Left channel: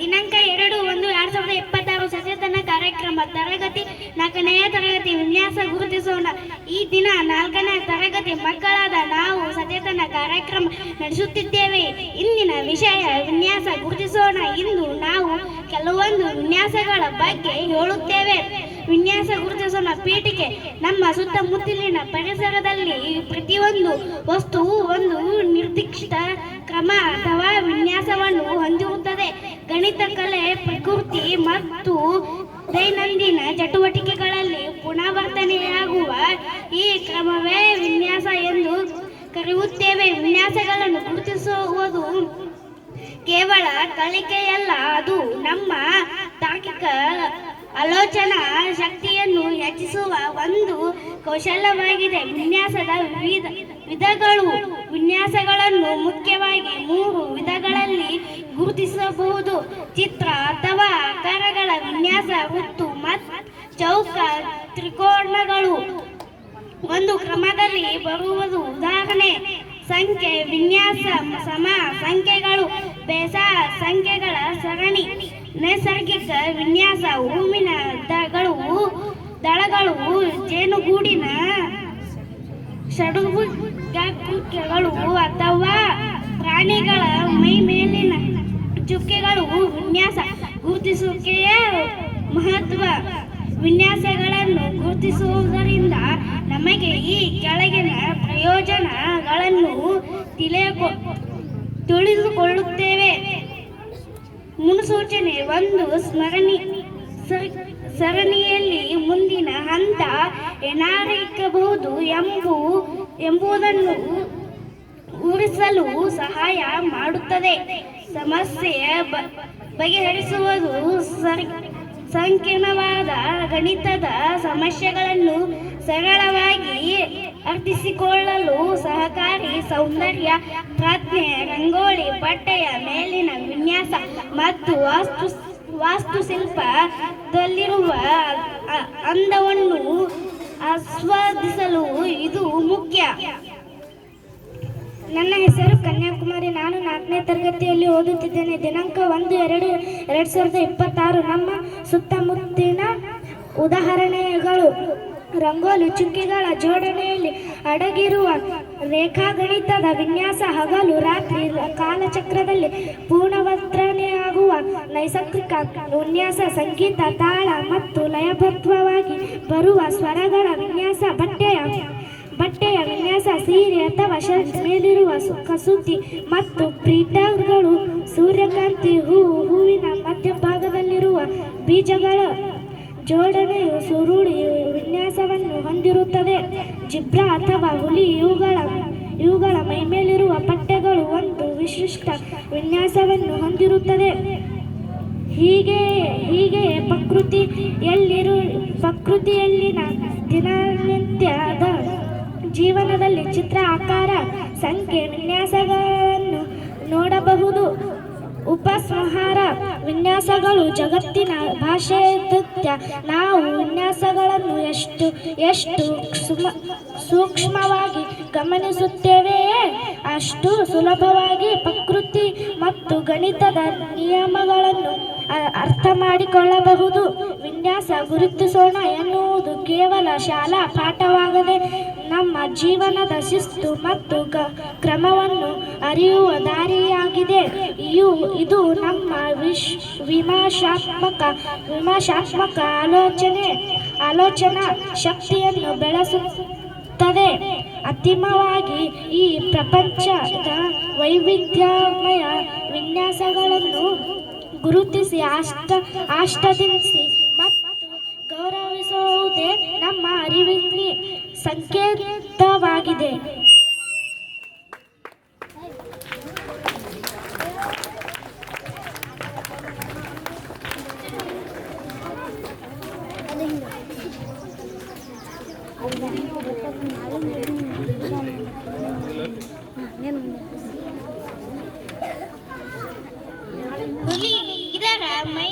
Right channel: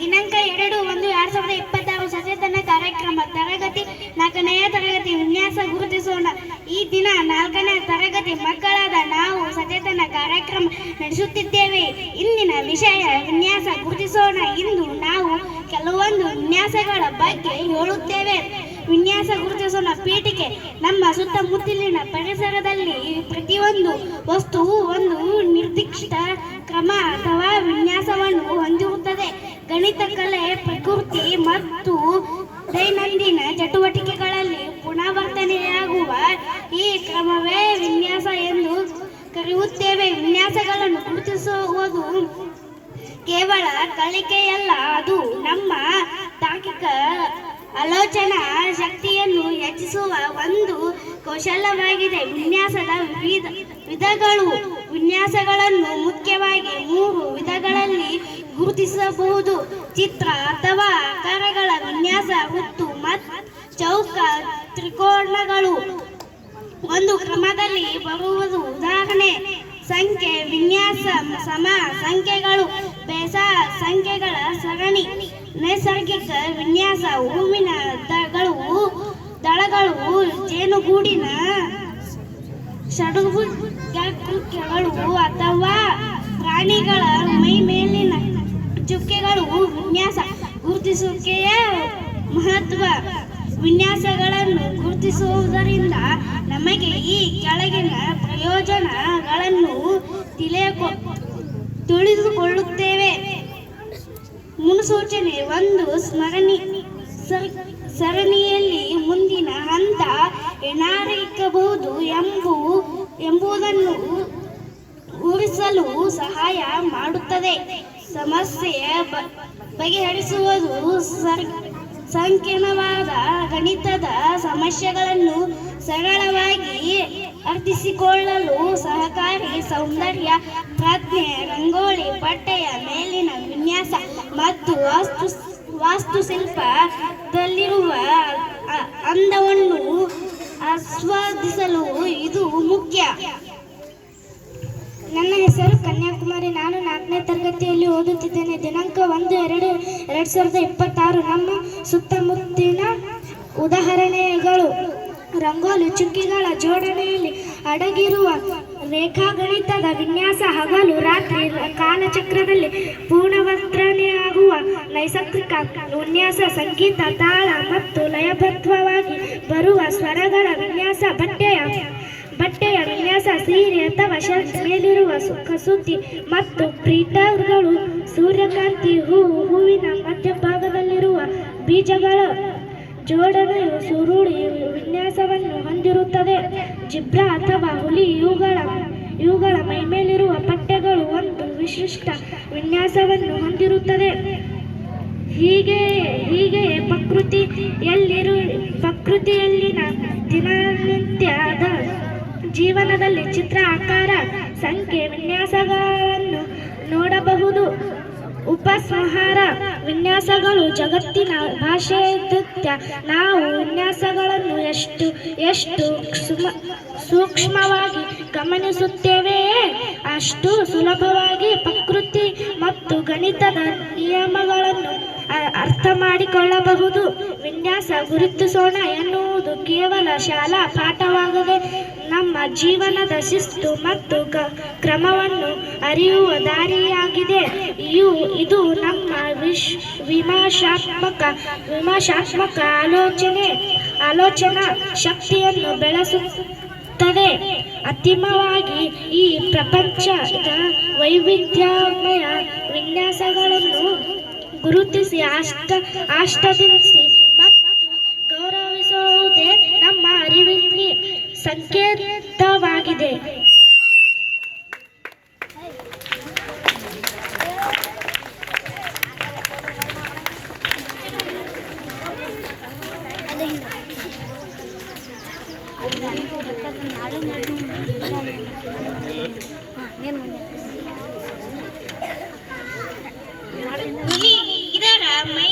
ದಿನಾಂಕ 2/1/2026 ಸಚೇತನ ಕಾರ್ಯಕ್ರಮ ತರಗತಿ 4ನೇ ತರಗತಿ ವಿನ್ಯಾಸ ಗುರುತಿಸೋಣ. ಈ ದಿನ 4ನೇ ತರಗತಿ ಮಕ್ಕಳಾದ ನಾವು ಸಚೇತನ ಕಾರ್ಯಕ್ರಮ ನಡೆಸುತ್ತಿದ್ದೇವೆ. ಇಂದಿನ ವಿಷಯ ವಿನ್ಯಾಸ ಗುರುತಿಸೋಣ. ಇಂದು ನಾವು ಕೆಲವೊಂದು ವಿನ್ಯಾಸಗಳ ಬಗ್ಗೆ ಹೇಳುತ್ತೇವೆ. ವಿನ್ಯಾಸ ಗುರುತಿಸೋಣ ಪೀಠಿಕೆ. ನಮ್ಮ ಸುತ್ತಮುತ್ತಲಿನ ಪರಿಸರದಲ್ಲಿ ಪ್ರತಿಯೊಂದು ವಸ್ತುವು ಒಂದು ನಿರ್ದಿಷ್ಟ ಕ್ರಮ ಅಥವಾ ವಿನ್ಯಾಸವನ್ನು ಹೊಂದಿರುತ್ತದೆ. ಗಣಿತ, ಕಲೆ, ಪ್ರಕೃತಿ ಮತ್ತು ದೈನಂದಿನ ಚಟುವಟಿಕೆಗಳಲ್ಲಿ ಪುನರಾವರ್ತನೆಯಾಗುವ ಈ ಕ್ರಮವೇ ವಿನ್ಯಾಸ ಎಂದು ಕರೆಯುತ್ತೇವೆ. ವಿನ್ಯಾಸಗಳನ್ನು ಗುರುತಿಸುವುದು ಕೇವಲ ಕಲಿಕೆಯಲ್ಲ, ಅದು ನಮ್ಮ ತಾರ್ಕಿಕ ಆಲೋಚನಾ ಶಕ್ತಿಯನ್ನು ಹೆಚ್ಚಿಸುವ ಒಂದು ಕೌಶಲ್ಯವಾಗಿದೆ. ವಿನ್ಯಾಸದ ವಿಧಗಳು. ವಿನ್ಯಾಸಗಳನ್ನು ಮುಖ್ಯವಾಗಿ 3 ವಿಧಗಳಲ್ಲಿ ಗುರುತಿಸಬಹುದು. ಚಿತ್ರ ಅಥವಾ ಆಕಾರಗಳ ವಿನ್ಯಾಸ, ವೃತ್ತ ಮತ್ತು ಚೌಕ ತ್ರಿಕೋನಗಳು ಒಂದು ಕ್ರಮದಲ್ಲಿ ಬರುವುದು. ಉದಾಹರಣೆ: ಸಂಖ್ಯೆ ವಿನ್ಯಾಸ, ಸಮ ಸಂಖ್ಯೆಗಳು, ಬೇಸ ಸಂಖ್ಯೆಗಳ ಸರಣಿ. ನೈಸರ್ಗಿಕ ವಿನ್ಯಾಸ, ಹೂವಿನ ದಳಗಳು, ಜೇನುಗೂಡಿನ ಷಡ್ಭುಜಾಕೃತಿಗಳು ಅಥವಾ ಪ್ರಾಣಿಗಳ ಮೈಮೇಲಿನ ಚುಕ್ಕೆಗಳು. ವಿನ್ಯಾಸ ಗುರುತಿಸುವಿಕೆಯ ಮಹತ್ವ. ವಿನ್ಯಾಸಗಳನ್ನು ಗುರುತಿಸುವುದರಿಂದ ನಮಗೆ ಈ ಕೆಳಗಿನ ಪ್ರಯೋಜನಗಳನ್ನು ತಿಳಿದುಕೊಳ್ಳುತ್ತೇವೆ. ಮುನ್ಸೂಚನೆ. 1. ಸರಣಿಯಲ್ಲಿ ಮುಂದಿನ ಹಂತ ಏನಾಗಿರಬಹುದು ಎಂಬುದನ್ನು ಊಹಿಸಲು ಸಹಾಯ ಮಾಡುತ್ತದೆ. ಸಮಸ್ಯೆಯ ಬಗೆಹರಿಸುವುದು. ಸಂಕೀರ್ಣವಾದ ಗಣಿತದ ಸಮಸ್ಯೆಗಳನ್ನು ಸರಳವಾಗಿ ಅರ್ಥೈಸಿಕೊಳ್ಳಲು ಸಹಕಾರಿ. ಸೌಂದರ್ಯ ಪ್ರಜ್ಞೆ. ರಂಗೋಲಿ, ಬಟ್ಟೆಯ ಮೇಲಿನ ವಿನ್ಯಾಸ ಮತ್ತು ವಾಸ್ತುಶಿಲ್ಪದಲ್ಲಿರುವ ಅಂದವನ್ನು ಆಸ್ವಾದಿಸಲು ಇದು ಮುಖ್ಯ. ನನ್ನ ಹೆಸರು ಕನ್ಯಾಕುಮಾರಿ. ನಾನು 4ನೇ ತರಗತಿಯಲ್ಲಿ ಓದುತ್ತಿದ್ದೇನೆ. ದಿನಾಂಕ 1/2/2026. ನಮ್ಮ ಸುತ್ತಮುತ್ತಲಿನ ಉದಾಹರಣೆಗಳು: ರಂಗೋಲಿ ಚುಕ್ಕೆಗಳ ಜೋಡಣೆಯಲ್ಲಿ ಅಡಗಿರುವ ರೇಖಾಗಣಿತದ ವಿನ್ಯಾಸ. ಹಗಲು ರಾತ್ರಿ ಕಾಲಚಕ್ರದಲ್ಲಿ ಪುನರಾವರ್ತನೆಯಾಗುವ ನೈಸರ್ಗಿಕ ವಿನ್ಯಾಸ. ಸಂಗೀತ, ತಾಳ ಮತ್ತು ಲಯಬದ್ಧವಾಗಿ ಬರುವ ಸ್ವರಗಳ ವಿನ್ಯಾಸ. ಬಟ್ಟೆಯ ವಿನ್ಯಾಸ. ಸೀರೆ ಅಥವಾ ಶರ್ಟ್ ಮೇಲಿರುವ ಕಸೂತಿ ಮತ್ತು ಪ್ರಿಂಟರ್ಗಳು. ಸೂರ್ಯಕಾಂತಿ ಹೂವಿನ ಮಧ್ಯಭಾಗದಲ್ಲಿರುವ ಬೀಜಗಳ ಜೋಡಣೆಯು ಸುರುಳಿ ವಿನ್ಯಾಸವನ್ನು ಹೊಂದಿರುತ್ತದೆ. ಜಿಬ್ರಾ ಅಥವಾ ಹುಲಿ ಇವುಗಳ ಮೈಮೇಲಿರುವ ಪಟ್ಟೆಗಳು ಒಂದು ವಿಶಿಷ್ಟ ವಿನ್ಯಾಸವನ್ನು ಹೊಂದಿರುತ್ತದೆ. ಹೀಗೆಯೇ ಪ್ರಕೃತಿಯಲ್ಲಿನ ದಿನನಿತ್ಯದ ಜೀವನದಲ್ಲಿ ಚಿತ್ರ, ಆಕಾರ, ಸಂಖ್ಯೆ ವಿನ್ಯಾಸಗಳನ್ನು ನೋಡಬಹುದು. ಉಪಸಂಹಾರ. ವಿನ್ಯಾಸಗಳು ಜಗತ್ತಿನ ಭಾಷಾವೈವಿಧ್ಯ. ನಾವು ವಿನ್ಯಾಸಗಳನ್ನು ಎಷ್ಟು ಸೂಕ್ಷ್ಮವಾಗಿ ಗಮನಿಸುತ್ತೇವೆಯೇ ಅಷ್ಟು ಸುಲಭವಾಗಿ ಪ್ರಕೃತಿ ಮತ್ತು ಗಣಿತದ ನಿಯಮಗಳನ್ನು ಅರ್ಥ ಮಾಡಿಕೊಳ್ಳಬಹುದು. ವಿನ್ಯಾಸ ಗುರುತಿಸೋಣ ಎನ್ನುವುದು ಕೇವಲ ಶಾಲಾ ಪಾಠವಾಗದೆ ನಮ್ಮ ಜೀವನದ ಶಿಸ್ತು ಮತ್ತು ಕ್ರಮವನ್ನು ಅರಿಯುವ ದಾರಿಯಾಗಿದೆ. ಇದು ನಮ್ಮ ವಿಮರ್ಶಾತ್ಮಕ ಆಲೋಚನಾ ಶಕ್ತಿಯನ್ನು ಬೆಳೆಸುತ್ತದೆ. ಅಂತಿಮವಾಗಿ, ಈ ಪ್ರಪಂಚದ ವೈವಿಧ್ಯಮಯ ವಿನ್ಯಾಸಗಳನ್ನು ಗುರುತಿಸಿ ಆಸ್ವಾದಿಸಿ ಮತ್ತು ಗೌರವಿಸುವುದೇ ನಮ್ಮ ಅರಿವಿನ ಸಂಕೇತವಾಗಿದೆ. ಇದರ ಮೈ